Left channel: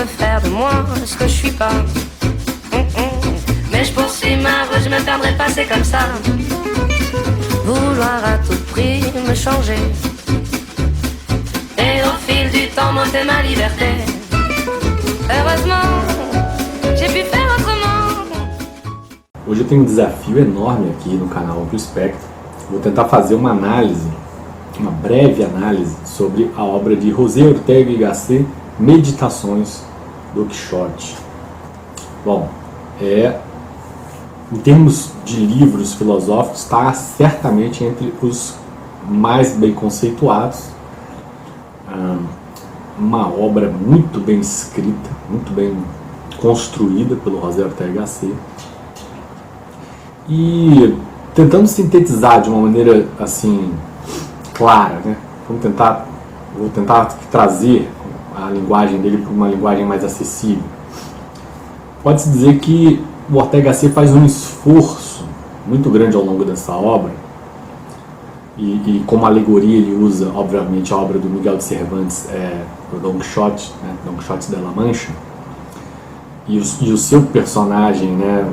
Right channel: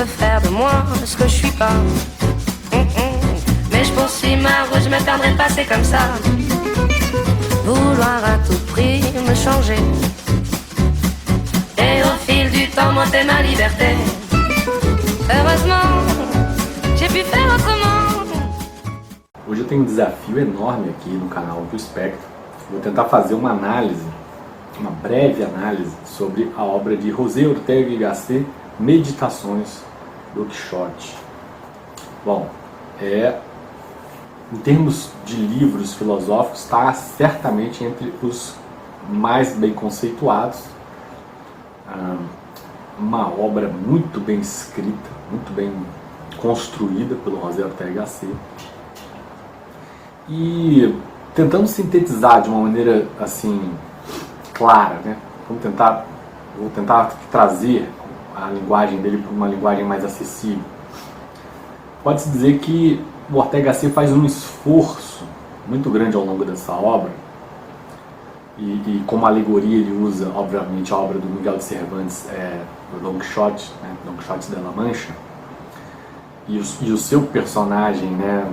veut faire de moi ce que je suis pas. Mais je poursuis ma route, je me perdrai pas, c'est comme ça. Vouloir à tout prix me changer, et au fil du temps monter ma liberté. Heureusement, j'ai pu faire autrement. Hoje eu tenho um desafio enorme aqui no canal Amplo Espectro. Vou tentar fazer uma análise, uma breve análise sobre a obra de José Ortega y Gasset, Meditações, Don Quixote. Bom, em termos de livros filosóficos, está certamente entre os mais bem conceituados. Uma obra muito bem escrita, muito bem construída pelo José Ortega y Gasset. E tentando sintetizar de uma maneira assim clara, né? Vou tentar trazer a linguagem dele para uma linguagem mais acessível. Pode-se dizer que o Ortega y Gasset faz um esforço muito grande ao longo dessa obra, e como alegoria ele usa, obviamente, a obra do Miguel de Cervantes, o Don Quixote, né? Don Quixote de la Mancha, e o seu personagem, né?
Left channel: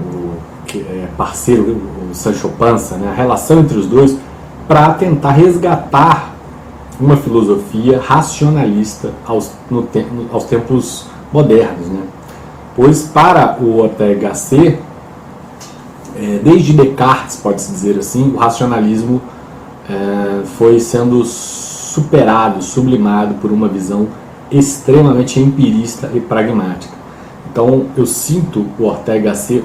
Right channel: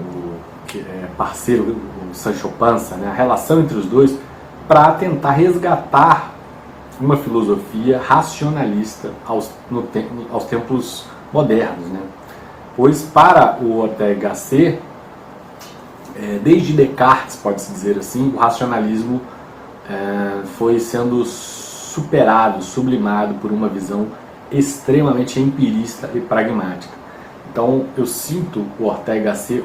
Parceiro, o Sancho Panza, né? A relação entre os dois, para tentar resgatar uma filosofia racionalista aos tempos modernos, né? Pois para o Ortega y Gasset, desde Descartes, pode-se dizer assim, o racionalismo foi sendo superado, sublimado por uma visão extremamente empirista e pragmática. Então eu sinto o Ortega y Gasset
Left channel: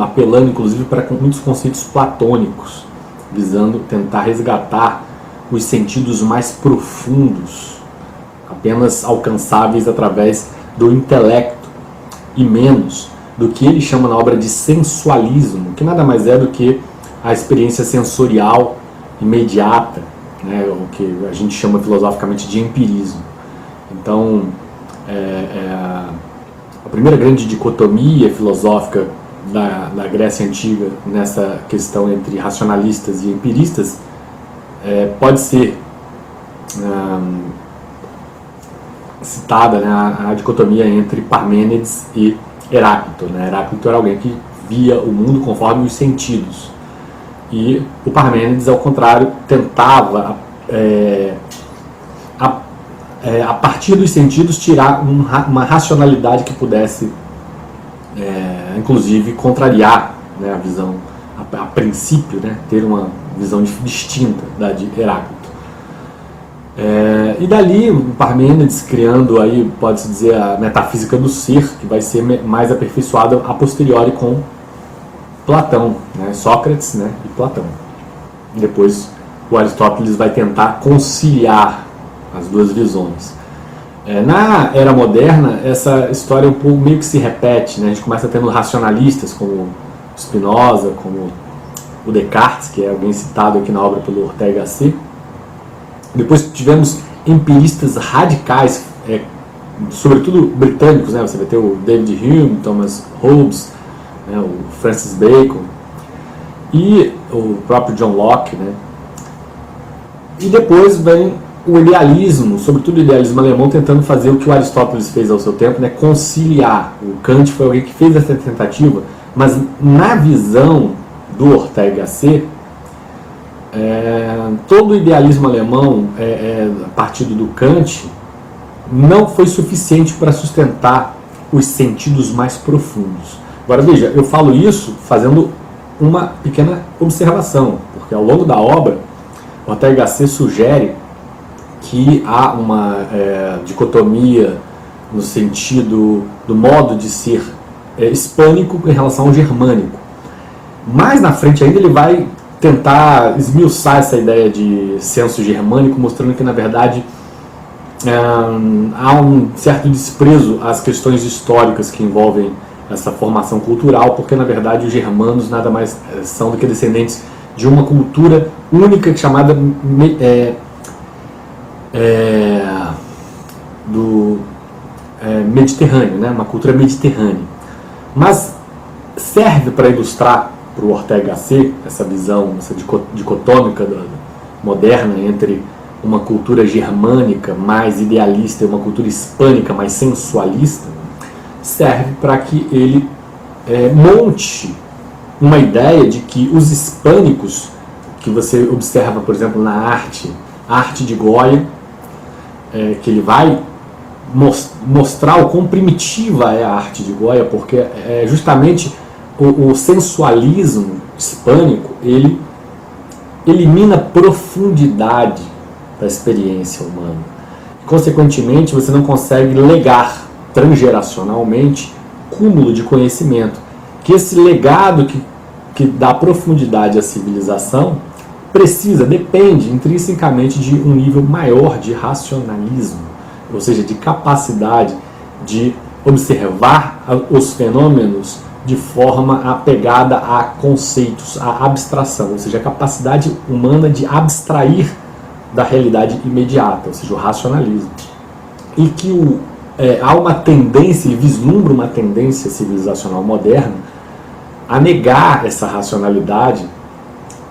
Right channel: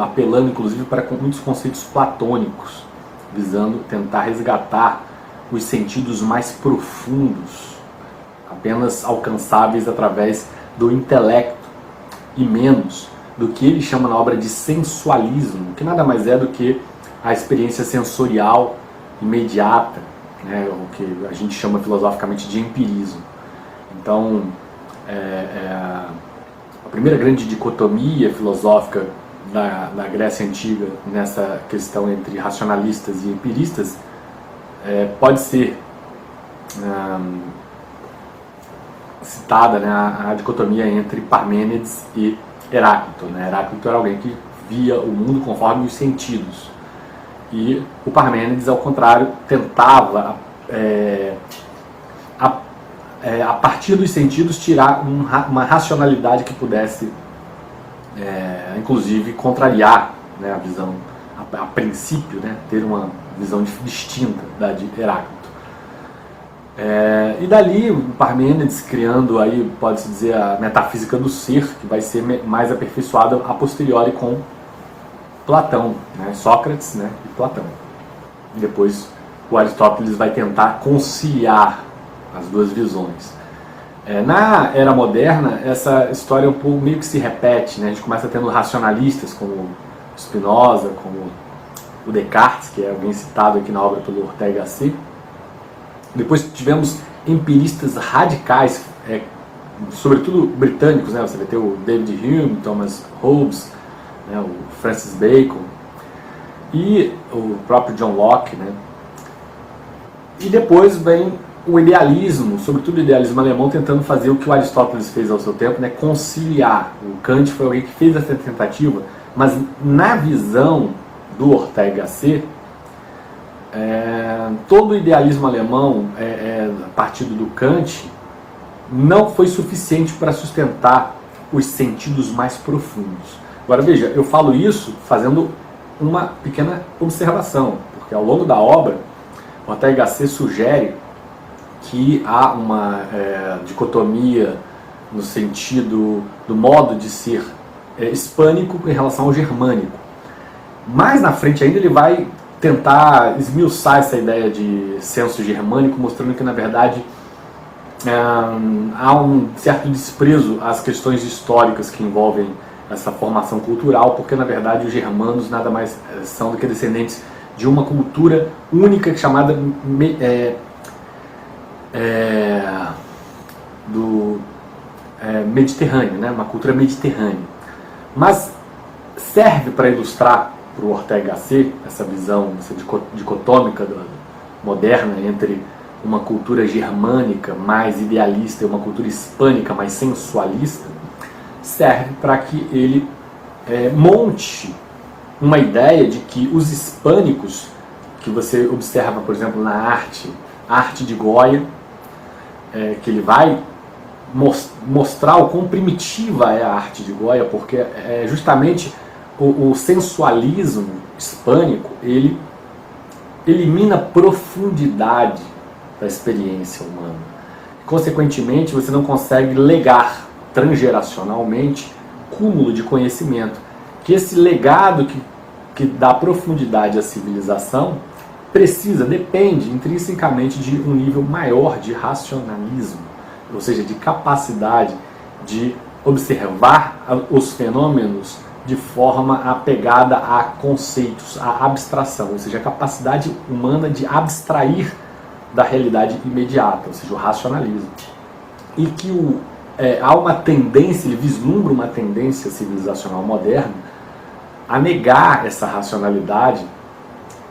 apelando inclusive para muitos conceitos platônicos, visando tentar resgatar os sentidos mais profundos, apenas alcançáveis através do intelecto, e menos do que ele chama na obra de sensualismo, que nada mais é do que a experiência sensorial imediata, né, o que a gente chama filosoficamente de empirismo. Então, a primeira grande dicotomia filosófica da Grécia Antiga nessa questão entre racionalistas e empiristas pode ser citada, né, a dicotomia entre Parmênides e Heráclito, né? Heráclito era alguém que via o mundo conforme os sentidos, e o Parmênides, ao contrário, tentava a partir dos sentidos tirar uma racionalidade que pudesse inclusive contrariar, né, a visão a princípio, né, ter uma visão distinta da de Heráclito. E dali o Parmênides criando aí, pode-se dizer, a metafísica do ser, que vai ser mais aperfeiçoada a posteriori com Platão, né, Sócrates, né, e Platão. E depois o Aristóteles vai tentar conciliar as duas visões. Na era moderna, essa história um pouco meio que se repete, né? A gente começa tendo racionalistas como Spinoza, como o Descartes, que é alguém citado aqui na obra pelo Ortega y Gasset. Depois tivemos empiristas radicais, sobretudo britânicos, né? Você vai ter o David Hume, Thomas Hobbes, né? O Francis Bacon e o próprio John Locke, né? E depois vem o idealismo, sobretudo o idealismo alemão, tentando fazer o que o Aristóteles fez ao seu tempo, né? Conciliar. O Kant foi alguém que fez essa tentativa, mas na visão do Ortega y Gasset, todo o idealismo alemão, a partir do Kant, não foi suficiente para sustentar os sentidos mais profundos. Agora veja, eu falo isso fazendo uma pequena observação, porque ao longo da obra, Ortega y Gasset sugere que há uma dicotomia no sentido do modo de ser hispânico em relação ao germânico. Mais na frente ainda ele vai tentar esmiuçar essa ideia de senso germânico, mostrando que na verdade há um certo desprezo às questões históricas que envolvem essa formação cultural, porque na verdade os germanos nada mais são do que descendentes de uma cultura única chamada mediterrâneo, né? Uma cultura mediterrânea. Mas serve para ilustrar para o Ortega y Gasset essa visão, essa dicotômica moderna entre uma cultura germânica mais idealista e uma cultura hispânica mais sensualista, serve para que ele monte uma ideia de que os hispânicos, que você observa, por exemplo, na a arte de Goya, que ele vai mostrar o quão primitiva é a arte de Goya, porque justamente o sensualismo hispânico, ele elimina profundidade da experiência humana. Consequentemente, você não consegue legar transgeracionalmente cúmulo de conhecimento. Que esse legado que dá profundidade à civilização depende intrinsecamente de um nível maior de racionalismo, ou seja, de capacidade de observar os fenômenos de forma apegada a conceitos, a abstração, ou seja, a capacidade humana de abstrair da realidade imediata, ou seja, o racionalismo. E que há uma tendência, ele vislumbra uma tendência civilizacional moderna a negar essa racionalidade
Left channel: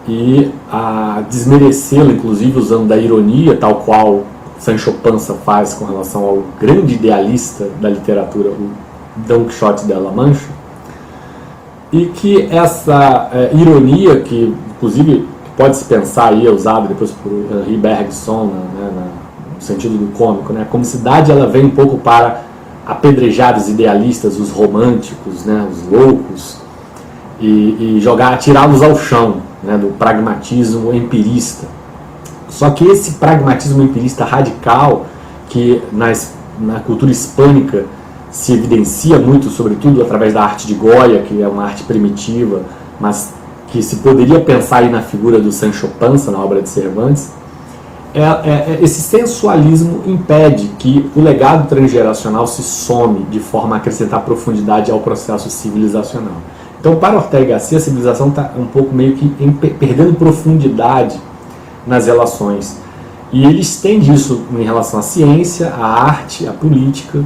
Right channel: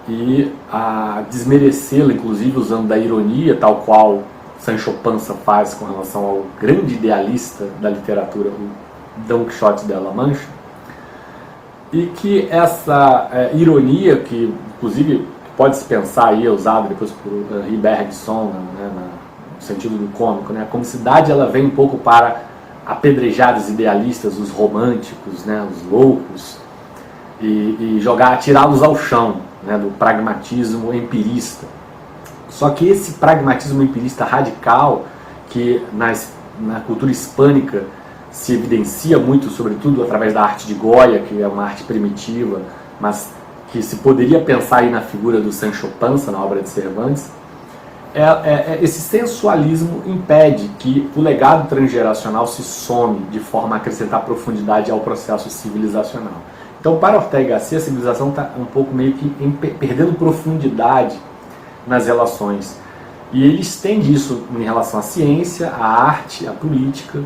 e a desmerecê-la, inclusive usando da ironia, tal qual Sancho Panza faz com relação ao grande idealista da literatura, o Don Quixote de La Mancha, e que essa ironia, que inclusive pode-se pensar aí, usada depois por Henri Bergson, no sentido do cômico, a comicidade ela vem um pouco para apedrejar os idealistas, os românticos, os loucos, e tirá-los ao chão, do pragmatismo empirista. Só que esse pragmatismo empirista radical, que na cultura hispânica se evidencia muito, sobretudo através da arte de Goya, que é uma arte primitiva, mas que se poderia pensar aí na figura do Sancho Panza, na obra de Cervantes, esse sensualismo impede que o legado transgeracional se some de forma a acrescentar profundidade ao processo civilizacional. Então, para Ortega y Gasset, a civilização está um pouco meio que perdendo profundidade nas relações. E ele estende isso em relação à ciência, à arte, à política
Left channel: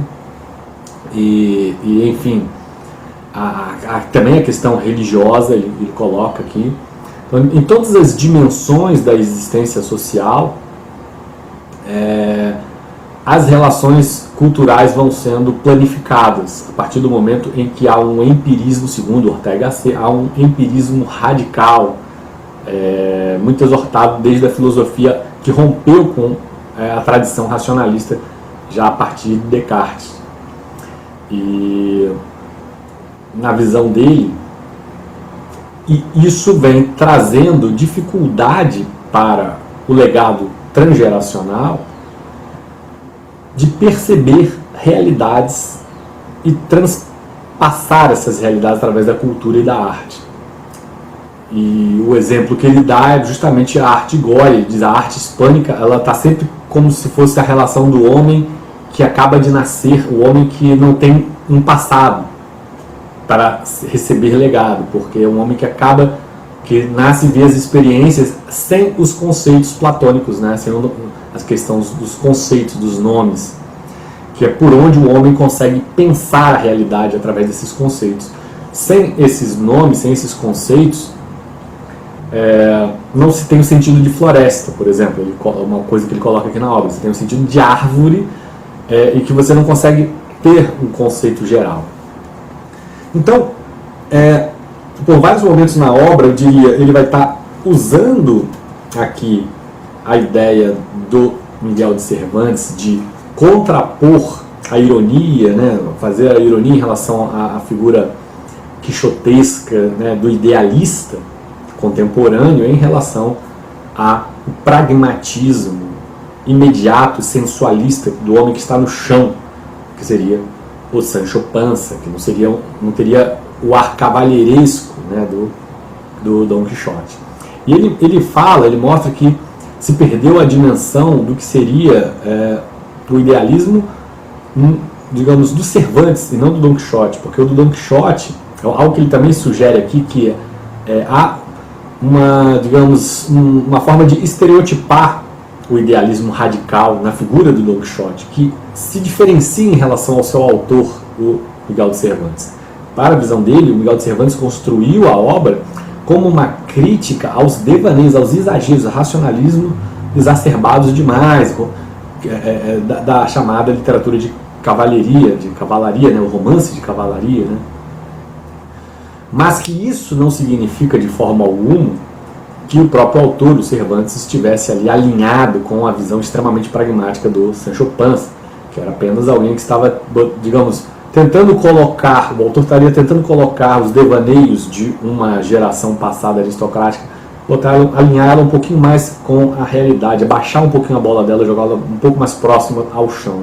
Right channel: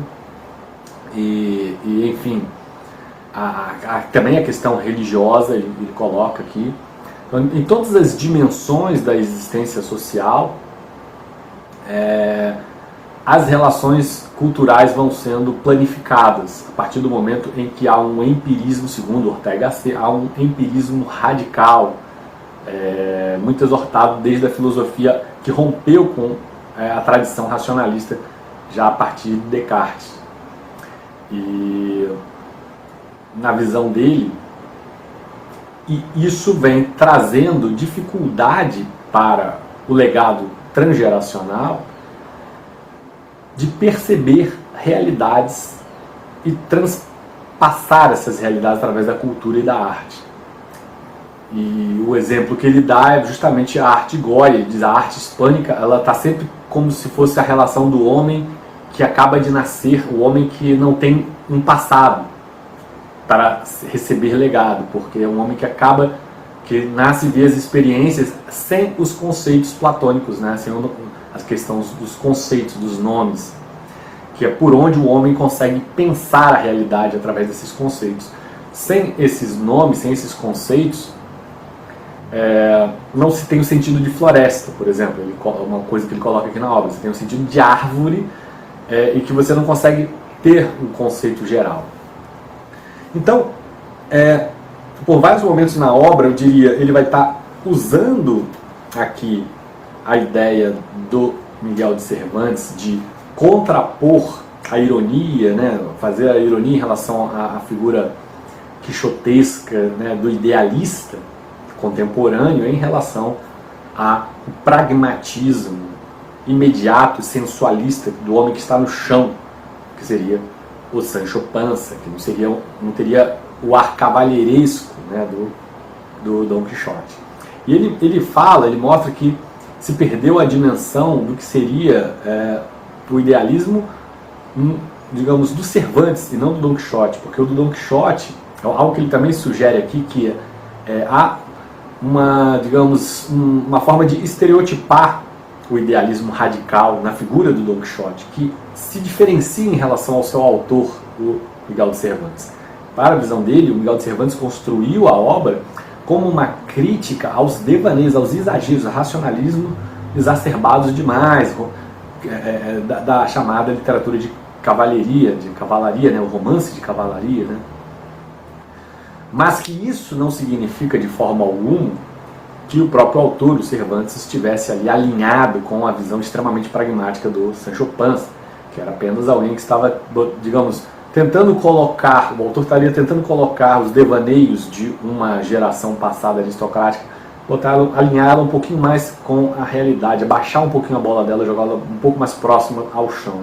e enfim, também a questão religiosa, ele coloca aqui. Então, em todas as dimensões da existência social, as relações culturais vão sendo planificadas a partir do momento em que há um empirismo, segundo Ortega y Gasset, há um empirismo radical, muito exortado desde a filosofia que rompeu com a tradição racionalista já a partir de Descartes. E na visão dele, isso vem trazendo dificuldade para o legado transgeracional de perceber realidades e transpassar essas realidades através da cultura e da arte. E o exemplo que ele dá é justamente a arte Goya. Ele diz a arte hispânica, ela está sempre como se fosse a relação do homem que acaba de nascer, o homem que não tem um passado para receber legado, porque é um homem que nasce e vê as experiências sem os conceitos platônicos, sem as questões dos conceitos, dos nomes, que é por onde o homem consegue pensar a realidade através desses conceitos. Sem esses nomes, sem esses conceitos, não se tem o sentido de floresta, por exemplo, uma coisa que ele coloca aqui na obra, você tem o sentido de árvore, e que você não consegue ter um conceito geral. Então, por vários momentos na obra, eu diria, ele vai estar usando aqui a ideia do Miguel de Cervantes de contrapor a ironia, fazer a ironia em relação à figura quixotesca, do idealista contemporâneo em relação ao pragmatismo imediato e sensualista do homem que está no chão, que seria o Sancho Panza, que não teria o ar cavalheiresco do Dom Quixote. E ele mostra que se perdeu a dimensão do que seria o idealismo, digamos, do Cervantes e não do Dom Quixote, porque o do Dom Quixote, algo que ele também sugere aqui, que há uma forma de estereotipar o idealismo radical na figura do Dom Quixote, que se diferencia em relação ao seu autor, o Miguel de Cervantes. Para a visão dele, o Miguel de Cervantes construiu a obra como uma crítica aos devaneios, aos exageros, ao racionalismo exacerbados demais, da chamada literatura de cavalaria, né, o romance de cavalaria, né? Mas que isso não significa de forma alguma que o próprio autor, o Cervantes, estivesse ali alinhado com a visão extremamente pragmática do Sancho Panza, que era apenas alguém que estava, digamos, tentando colocar, o autor estaria tentando colocar os devaneios de uma geração passada aristocrática, alinhá-la um pouquinho mais com a realidade, abaixar um pouquinho a bola dela, jogá-la um pouco mais próxima ao chão.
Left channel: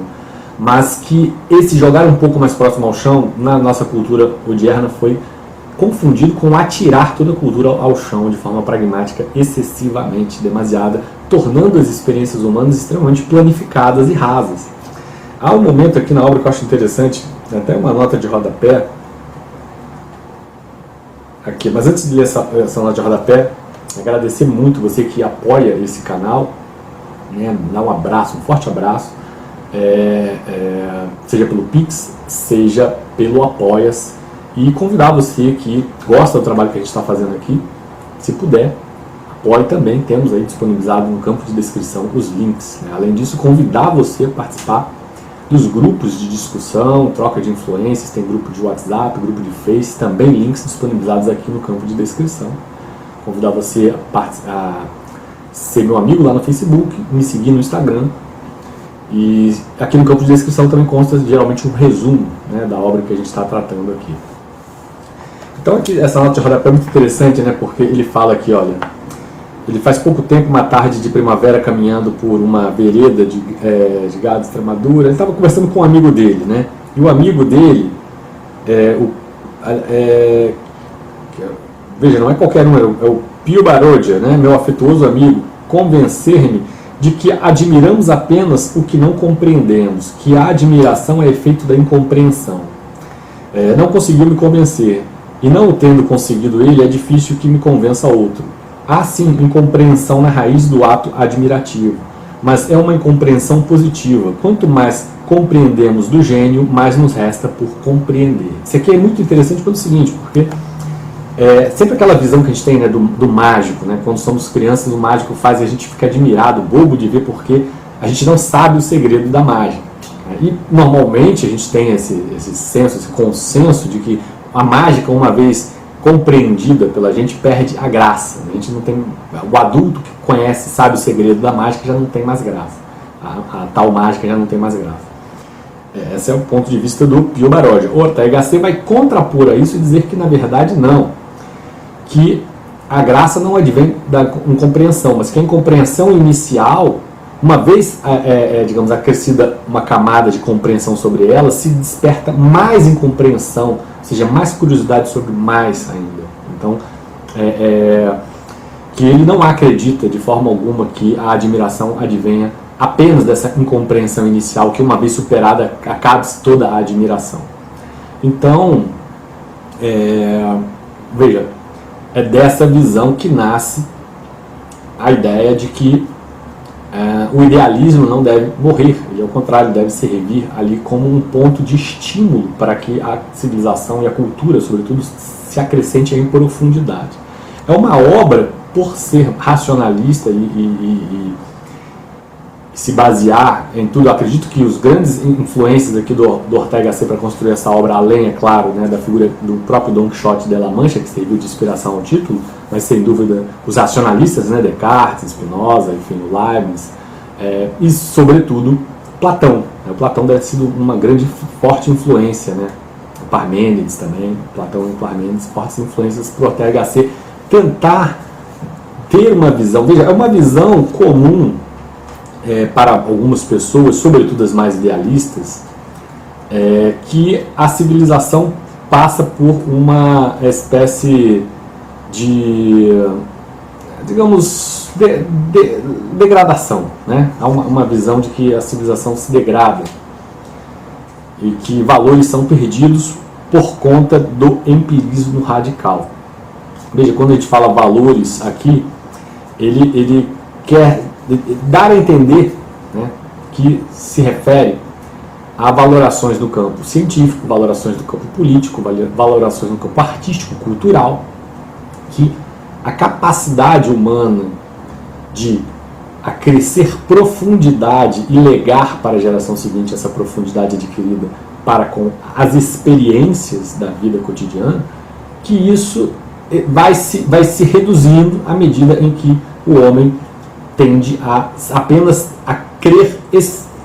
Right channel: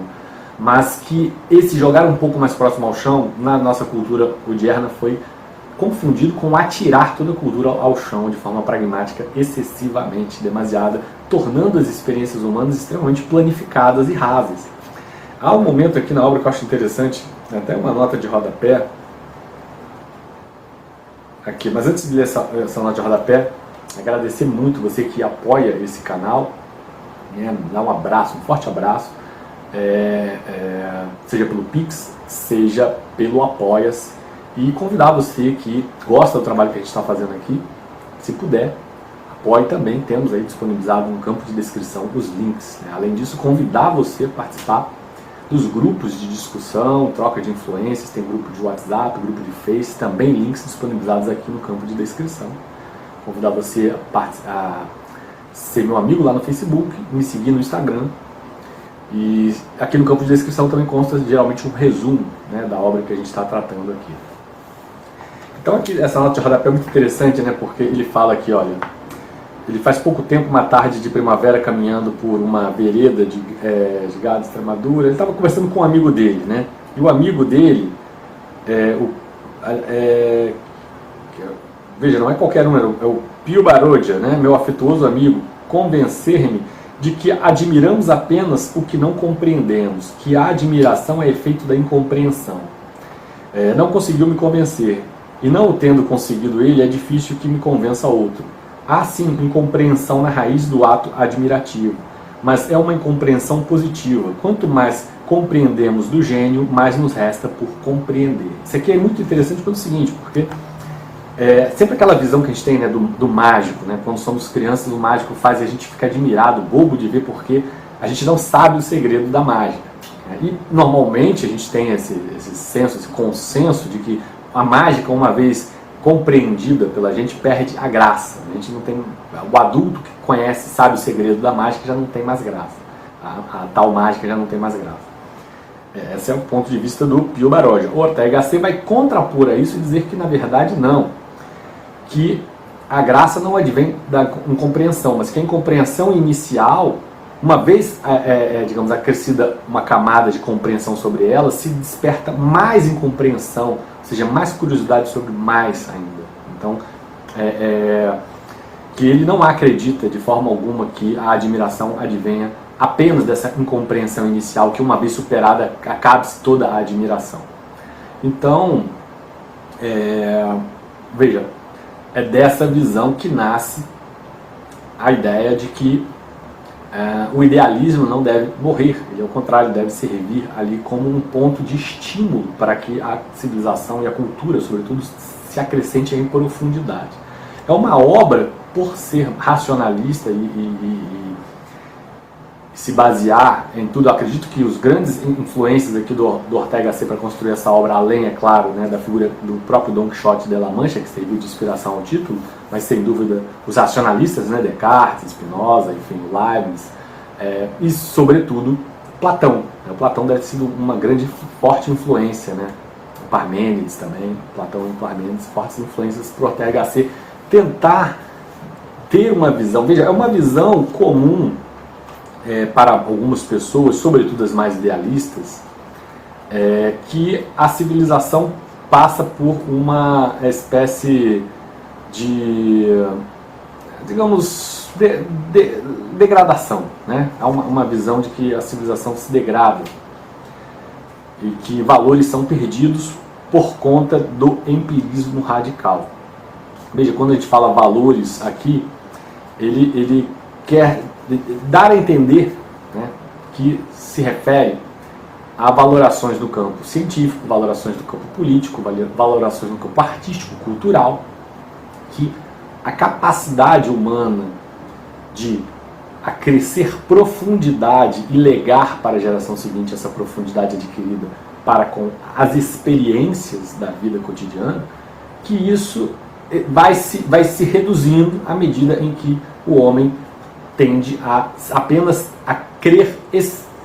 Mas que esse jogar um pouco mais próximo ao chão, na nossa cultura odierna, foi confundido com atirar toda a cultura ao chão de forma pragmática, excessivamente demasiada, tornando as experiências humanas extremamente planificadas e rasas. Há um momento aqui na obra que eu acho interessante, tem até uma nota de rodapé aqui, mas antes de ler essa nota de rodapé, agradecer muito você que apoia esse canal, né, dá um abraço, um forte abraço, seja pelo Pix, seja pelo Apoia-se, e convidar você que gosta do trabalho que a gente está fazendo aqui, se puder, apoie também, temos aí disponibilizado no campo de descrição os links, né? Além disso, convidar você a participar dos grupos de discussão, troca de influências, tem grupo de WhatsApp, grupo de Face, também links disponibilizados aqui no campo de descrição. Convidar você a ser meu amigo lá no Facebook, me seguir no Instagram, e aqui no campo de descrição também consta geralmente um resumo, né, da obra que a gente está tratando aqui. Então aqui, essa nota de rodapé é muito interessante, né, porque ele fala aqui, olha, ele faz pouco tempo, uma tarde de primavera, caminhando por uma vereda de gado de Extremadura, ele estava conversando com um amigo dele, né, e o amigo dele, veja, não é qualquer um, é o Pio Barodia, né, meu afetuoso amigo, convencer-me de que admiramos apenas o que não compreendemos, que a admiração é efeito da incompreensão. Não conseguiu me convencer, e não o tendo conseguido ele, é difícil que me convença outro. Há sim incompreensão na raiz do ato admirativo, mas é uma incompreensão positiva. Quanto mais compreendemos do gênio, mais nos resta por compreender. Isso aqui é muito interessante pelo seguinte, porque sempre aquela visão que a gente tem, né, do mágico, né, quando somos crianças, o mágico faz a gente ficar admirado, bobo de ver, porque a gente não sabe o segredo da mágica. E normalmente a gente tem esse senso, esse consenso de que a mágica, uma vez compreendida pela gente, perde a graça. A gente não tem, o adulto que conhece, sabe o segredo da mágica, já não tem mais graça. A tal mágica já não tem mais graça. Esse é o ponto de vista do Pio Barodia. O Ortega C vai contrapor a isso e dizer que, na verdade, não. Que a graça não advém da incompreensão, mas que a incompreensão inicial, uma vez, digamos, acrescida uma camada de compreensão sobre ela, se desperta mais incompreensão, ou seja, mais curiosidade sobre mais ainda. Então, que ele não acredita de forma alguma que a admiração advenha apenas dessa incompreensão inicial, que uma vez superada acabe-se toda a admiração. Então, veja, é dessa visão que nasce a ideia de que o idealismo não deve morrer, ele ao contrário deve servir ali como um ponto de estímulo para que a civilização e a cultura, sobretudo, se acrescente em profundidade. É uma obra, por ser racionalista e se basear em tudo, eu acredito que os grandes influências aqui do Ortega C para construir essa obra, além, é claro, né, da figura do próprio Don Quixote de La Mancha, que serviu de inspiração ao título, mas sem dúvida os racionalistas, né, Descartes, Spinoza, enfim, Leibniz, e sobretudo Platão. O Platão deve ter sido uma grande, forte influência, né? O Parmênides também, Platão e Parmênides, fortes influências para o Ortega C tentar ter uma visão, veja, é uma visão comum para algumas pessoas, sobretudo as mais idealistas, que a civilização passa por uma espécie de, digamos, degradação, né? Há uma visão de que a civilização se degrada e que valores são perdidos por conta do empirismo radical. Veja, quando a gente fala valores aqui, ele quer dar a entender, né, que se refere a valorações no campo científico, valorações no campo político, valorações no campo artístico, cultural, que a capacidade humana de a crescer profundidade e legar para a geração seguinte essa profundidade adquirida para com as experiências da vida cotidiana, que isso vai se reduzindo à medida em que o homem tende a apenas a crer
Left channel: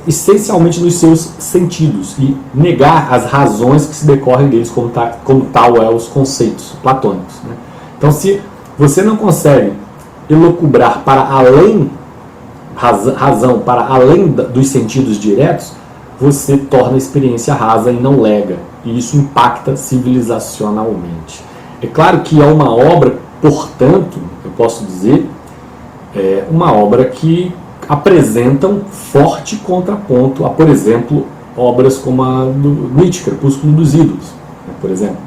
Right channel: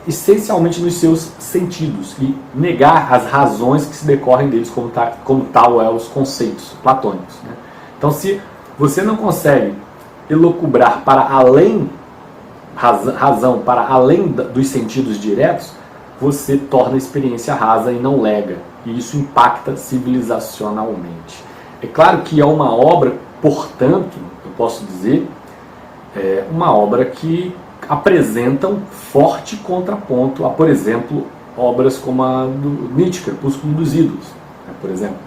essencialmente nos seus sentidos e negar as razões que se decorrem deles, como tal é os conceitos platônicos, né? Então, se você não consegue elocubrar para além razão, para além dos sentidos diretos, você torna a experiência rasa e não lega, e isso impacta civilizacionalmente. É claro que é uma obra, portanto, eu posso dizer, uma obra que apresenta um forte contraponto a, por exemplo, obras como a do Nietzsche, Crepúsculo dos Ídolos, né, por exemplo.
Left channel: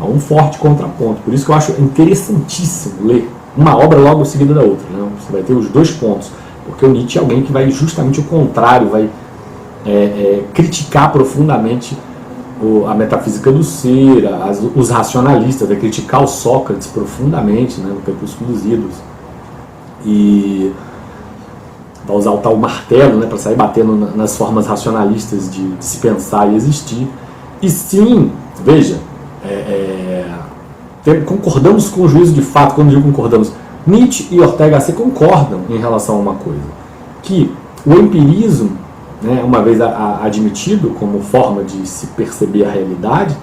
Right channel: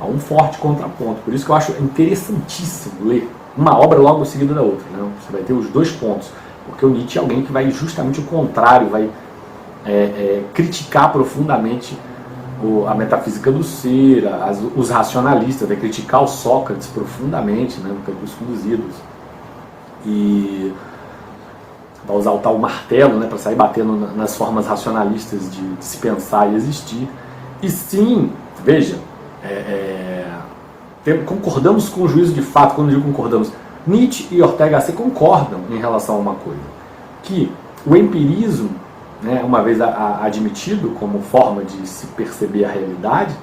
Há um forte contraponto. Por isso que eu acho interessantíssimo ler uma obra logo seguida da outra, né? Você vai ter os dois pontos, porque o Nietzsche é alguém que vai justamente o contrário, vai criticar profundamente a metafísica do ser, os racionalistas, vai criticar o Sócrates profundamente, né, no Crepúsculo dos Ídolos. E vai usar o tal martelo, né, para sair batendo nas formas racionalistas de se pensar e existir. E sim, veja, concordamos com o juízo de fato. Quando eu digo concordamos, Nietzsche e Ortega Gasset concordam em relação a uma coisa, que o empirismo, né, uma vez admitido como forma de se perceber a realidade,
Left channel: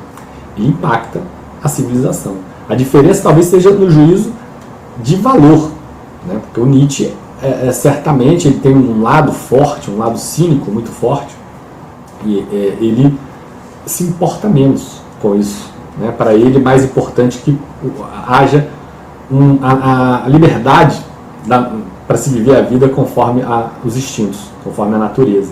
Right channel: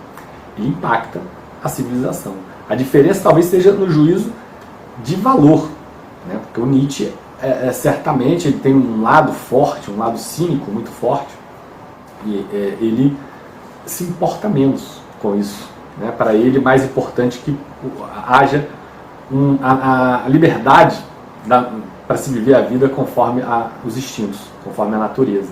ele impacta a civilização. A diferença talvez seja no juízo de valor, né, porque o Nietzsche certamente ele tem um lado forte, um lado cínico muito forte, e ele se importa menos com isso, né? Para ele é mais importante que haja a liberdade para se viver a vida conforme os instintos, conforme a natureza.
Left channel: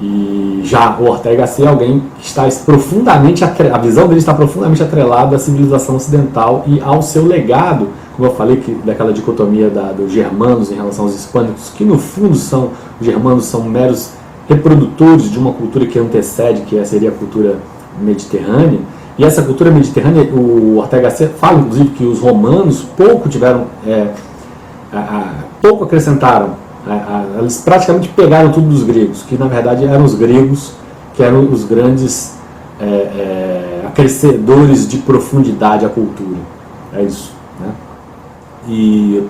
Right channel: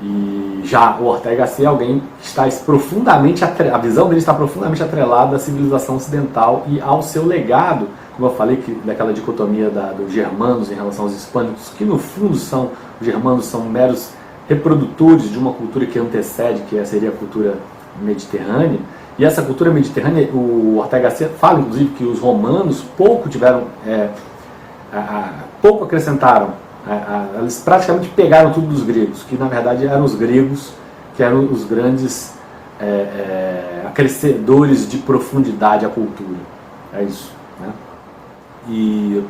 E já o Ortega Gasset é alguém que está profundamente a visão dele está profundamente atrelada à civilização ocidental e ao seu legado, como eu falei, daquela dicotomia dos germanos em relação aos hispânicos, que no fundo os germanos são meros reprodutores de uma cultura que antecede, que seria a cultura mediterrânea. E essa cultura mediterrânea, o Ortega Gasset fala inclusive que os romanos pouco acrescentaram. Eles praticamente pegaram tudo dos gregos, que na verdade eram os gregos que eram os grandes acrescedores de profundidade à cultura. É isso, né? E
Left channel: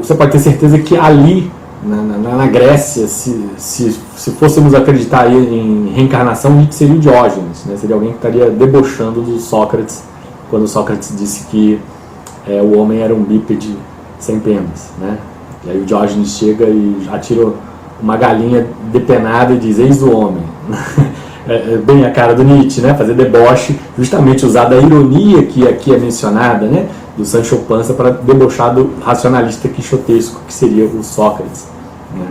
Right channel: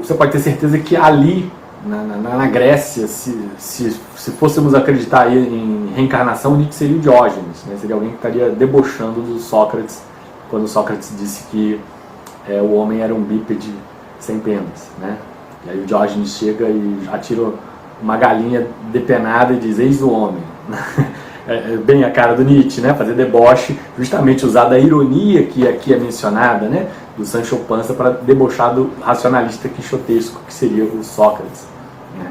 você pode ter certeza que ali, na Grécia, se fôssemos acreditar aí em reencarnação, Nietzsche seria o Diógenes, né? Seria alguém que estaria debochando do Sócrates, quando Sócrates disse que o homem era um bípede sem penas, né? E aí o Diógenes chega e atira uma galinha depenada e diz: eis o homem. Bem a cara do Nietzsche, né? Fazer deboche, justamente usar da ironia que aqui é mencionada, né? Do Sancho Panza, para debochar do racionalista quixotesco que seria o Sócrates, né?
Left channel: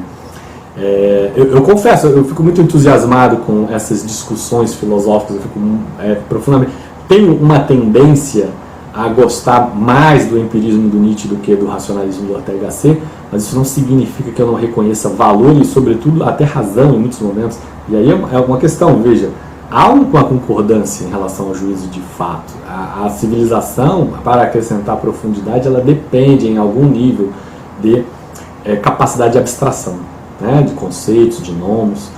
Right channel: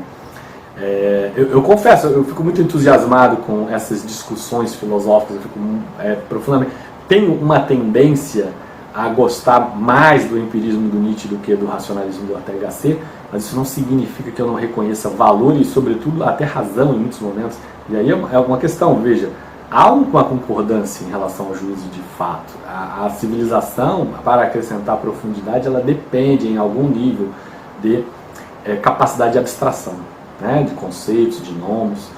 Eu confesso, eu fico muito entusiasmado com essas discussões filosóficas, eu fico profundamente... Tenho uma tendência a gostar mais do empirismo do Nietzsche do que do racionalismo do Ortega Gasset, mas isso não significa que eu não reconheça valor e, sobretudo, até razão em muitos momentos. E aí é uma questão, veja, há uma concordância em relação ao juízo de fato. A civilização, para acrescentar profundidade, ela depende em algum nível de capacidade de abstração, né, de conceitos, de nomes,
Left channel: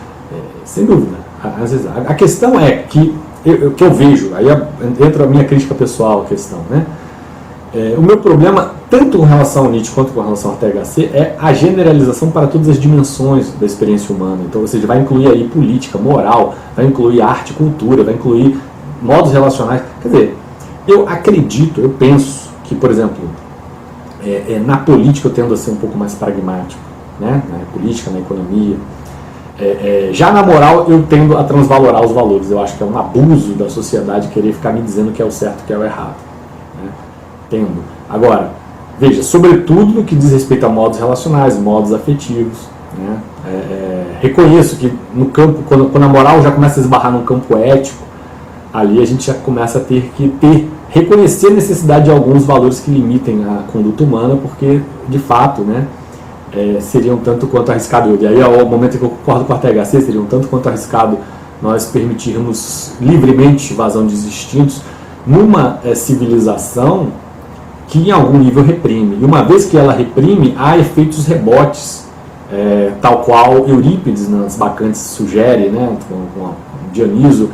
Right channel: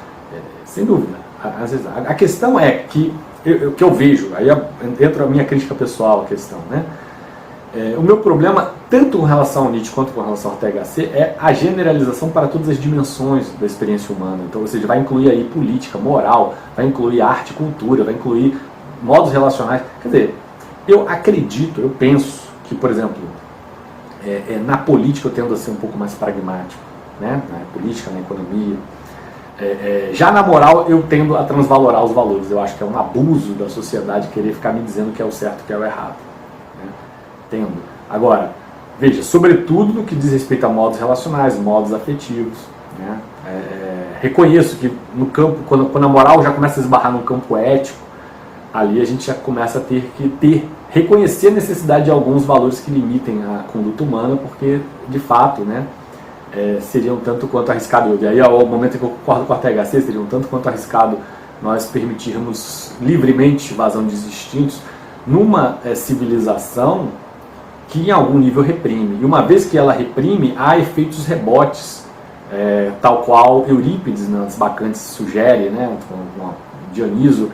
sem dúvida. A questão é que eu vejo, aí entra a minha crítica pessoal à questão, né? O meu problema, tanto com relação ao Nietzsche quanto com relação ao Ortega Gasset, é a generalização para todas as dimensões da experiência humana. Então, ou seja, vai incluir aí política, moral, vai incluir arte, cultura, vai incluir modos relacionais. Quer dizer, eu acredito, eu penso que, por exemplo, na política eu tendo a ser um pouco mais pragmático, né? Na política, na economia. Já na moral eu tendo a transvalorar os valores. Eu acho que é um abuso da sociedade querer ficar me dizendo que é o certo e que é o errado, né? Tendo. Agora, veja, sobretudo no que diz respeito a modos relacionais, modos afetivos, né? Reconheço que no campo, quando a moral já começa a esbarrar no campo ético, ali a gente já começa a ter que reconhecer a necessidade de alguns valores que limitem a conduta humana, porque de fato, né, seria um tanto quanto arriscado. E aí, ao momento em que eu concordo com o Ortega Gasset, seria um tanto quanto arriscado nós permitirmos livremente vazão de instintos numa civilização que em algum nível reprime. E uma vez que ela reprime, há efeitos rebotes, tal qual Eurípides nas Bacantes sugere, né, com Dioniso,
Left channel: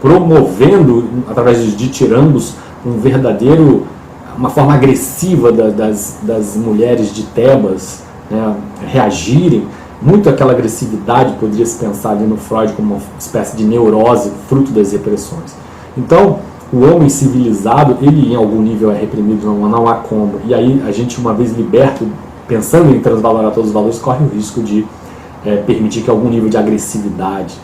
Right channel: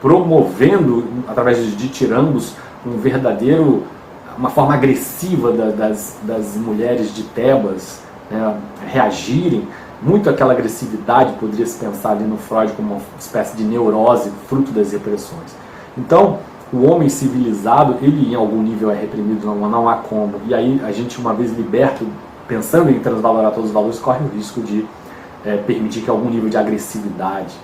promovendo, através de ditirambos, uma forma agressiva das mulheres de Tebas, né, reagirem. Muito aquela agressividade poderia se pensar ali no Freud como uma espécie de neurose, fruto das repressões. Então, o homem civilizado, ele em algum nível é reprimido, não há como. E aí a gente, uma vez liberto, pensando em transvalorar todos os valores, corre o risco de permitir que algum nível de agressividade,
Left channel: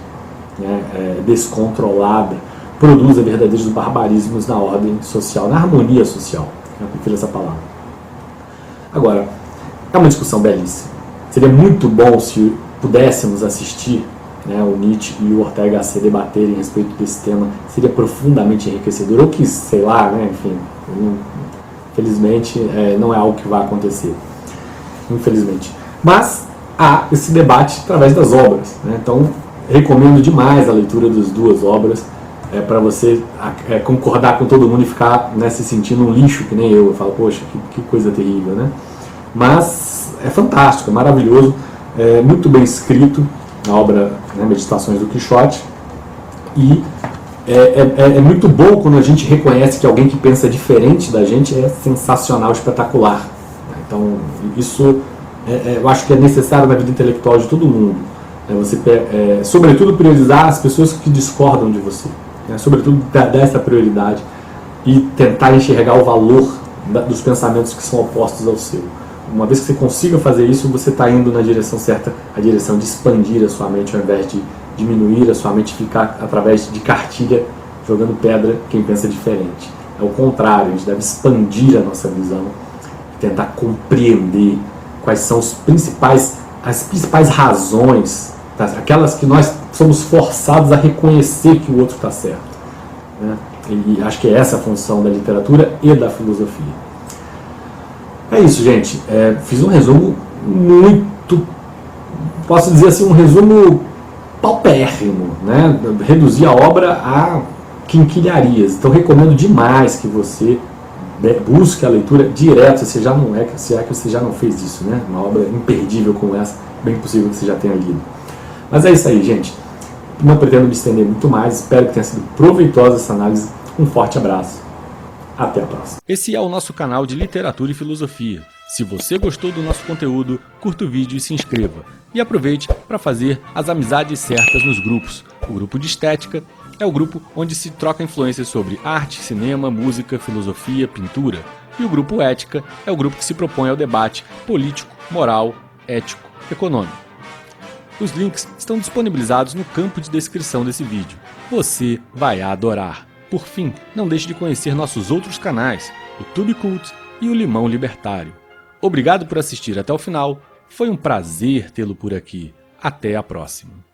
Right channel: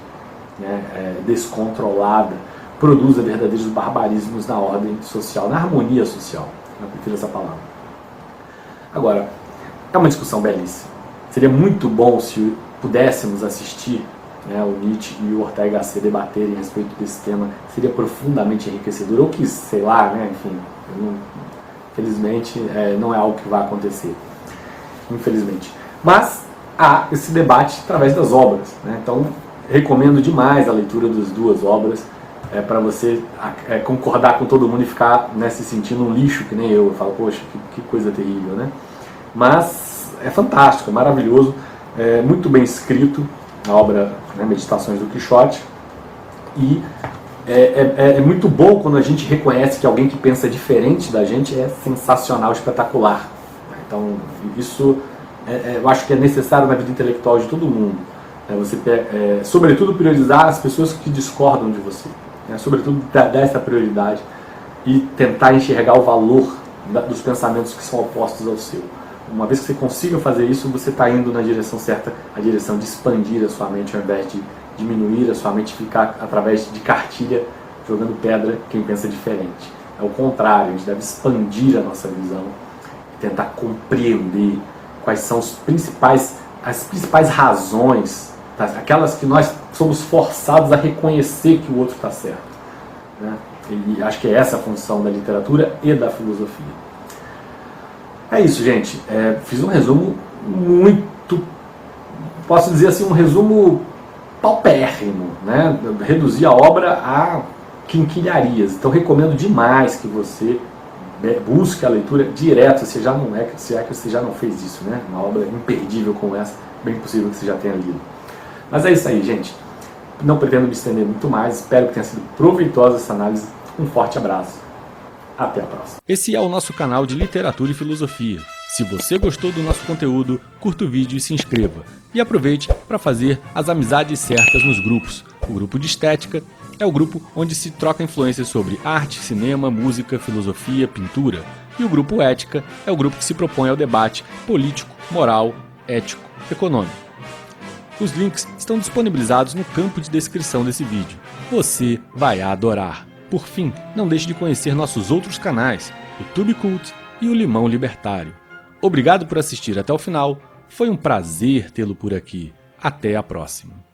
né, descontrolada produza verdadeiros barbarismos na ordem social, na harmonia social. Eu prefiro essa palavra. Agora, é uma discussão belíssima. Seria muito bom se pudéssemos assistir, né, o Nietzsche e o Ortega Gasset debaterem a respeito desse tema. Seria profundamente enriquecedor. Ou que, sei lá, né, enfim, infelizmente não é algo que vai acontecer. Infelizmente. Mas há esse debate através das obras, né? Então, recomendo demais a leitura das duas obras, para você concordar com todo mundo e ficar, né, se sentindo um lixo, que nem eu falo, poxa, que coisa terrível, né? Mas é fantástico, é maravilhoso, é muito bem escrito, a obra, né, Meditações do Quixote, e é muito bom quando a gente reconhece que alguém que pensa diferente da gente é sensacional, espetacular. Então, isso eu acho que é necessário na vida intelectual de todo mundo. Você, sobretudo, priorizar as pessoas que discordam de você. Sobretudo, dar essa prioridade e tentar enxergar o valor dos pensamentos que são opostos ao seu. Uma vez que você consiga fazer isso, você está indo na direção certa, a direção de expandir a sua mente, ao invés de diminuir a sua mente, ficar através de cartilha jogando pedra quem pensa diferente. É o contrário, a gente deve expandir a nossa visão e tentar compreender quais são as principais razões, aquelas que nós somos forçados a reconhecer que o outro está certo, né? E acho que é essa a função da literatura e da filosofia. É isso, gente. Fiz um resumo muito, posso dizer assim, um resumo paupérrimo, né? Reduzi a obra a quinquilharias. Então recomendo demais que você busque a leitura direto, se é que você já não fez isso, né? Uma obra imperdível como essa, bem possível que você já tenha lido. Mas é isso aí, gente. Não pretendo me estender muito mais. Espero que tenha sido proveitosa essa análise. Um forte abraço. Até a próxima. Esse é o nosso canal de literatura e filosofia. Se você gostou do nosso conteúdo, curta o vídeo e se inscreva. E aproveite para fazer as amizades certas nos grupos. O grupo de estética é o grupo onde se troca influências sobre arte, cinema, música, filosofia, pintura. E o grupo ética é o grupo que se propõe ao debate político, moral, ético, econômico. Os links estão disponibilizados no campo de descrição desse vídeo. Você vai adorar! Por fim, não deixe de conhecer nossos outros canais, o Tube Cult e o Limão Libertário. Obrigado por assistir até o final, foi um prazer tê-lo por aqui. Até a próxima!